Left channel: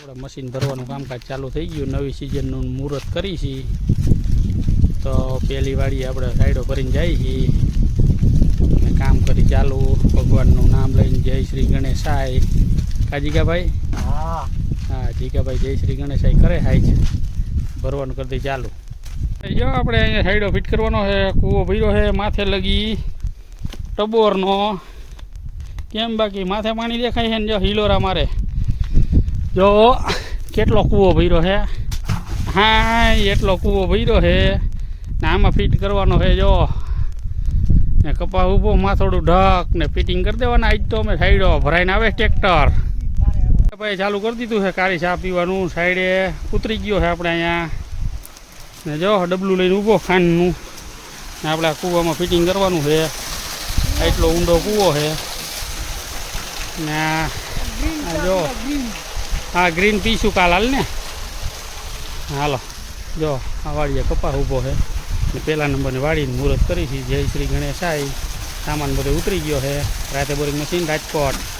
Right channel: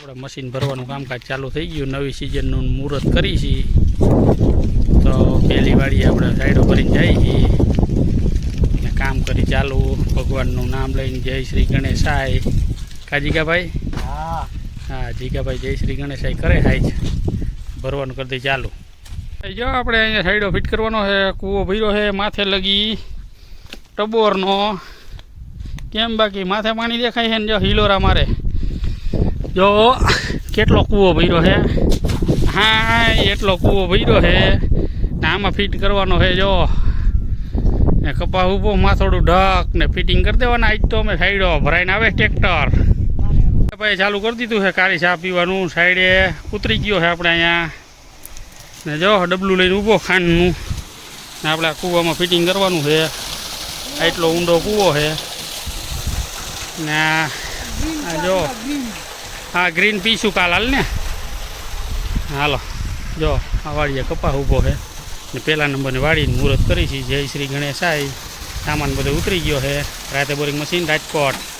આપણે મશીન ભરવાનું કામકાજ ચાલુ થઈ ગયું. નવી સિઝનનું મુહૂર્ત કરી છીએ તો પહેલી વાળી આપણે સાઈડો ભરીને જઈએ છીએ ને કામ કરી ચાલુ. ભગવાનનું નામ લઈને જય શ્રી ગણેશાય. કા જીગાભાઈ? હા. હા જીગાભાઈ જય શ્રી ગણેશાય કરે હાય છે ભરવાનું કરી દઈ ચાલુ. જો આપણે અહીંયા સાઈડો ફિટ કરવાનો છે. કૂવો ભર્યો છે. માથે લગી ટબોરનો. કેમ બાકી? માથે પાણી દેખાય છે ને જો હિલોરા મારે? જો, કેટલો કૂવો ભર્યો છે હા એટલો કૂવો ભર્યો છે ને આમાં ફિટ કરવાનો છે જો. ને કપા ઊભો, માથોડું ઢક ને ફિટિંગ કરી દેવાના. આજ તો અમે સાઈડો ભરાઈને આવે ટ્રેક્ટર ભાઈ ચાલુ કરી દીધું છે કાળી ચા પીવાનું. સાઈડે ઉતરી ગયો છે આપણે અહીંયા. ને જો, ડબલું લઈને ઊભો ખાંડનું. ને આપણે આ કૂવામાં ફિટિંગ કરવાનું છે એટલો ઊંડો કૂવો છે ને જો. હા ગ્રીન પીશું કાલ હાલ ને? હાલો, જો, આ વાડીએ કપા ઊભો છે. ને પહેલા નંબરને વાડીને મુહૂર્ત કરી છે. જય શ્રી ગણેશાય. સામાન બધો ઉતરી ગયો છે. રાતે બોરિંગ મશીન રાજકોટ.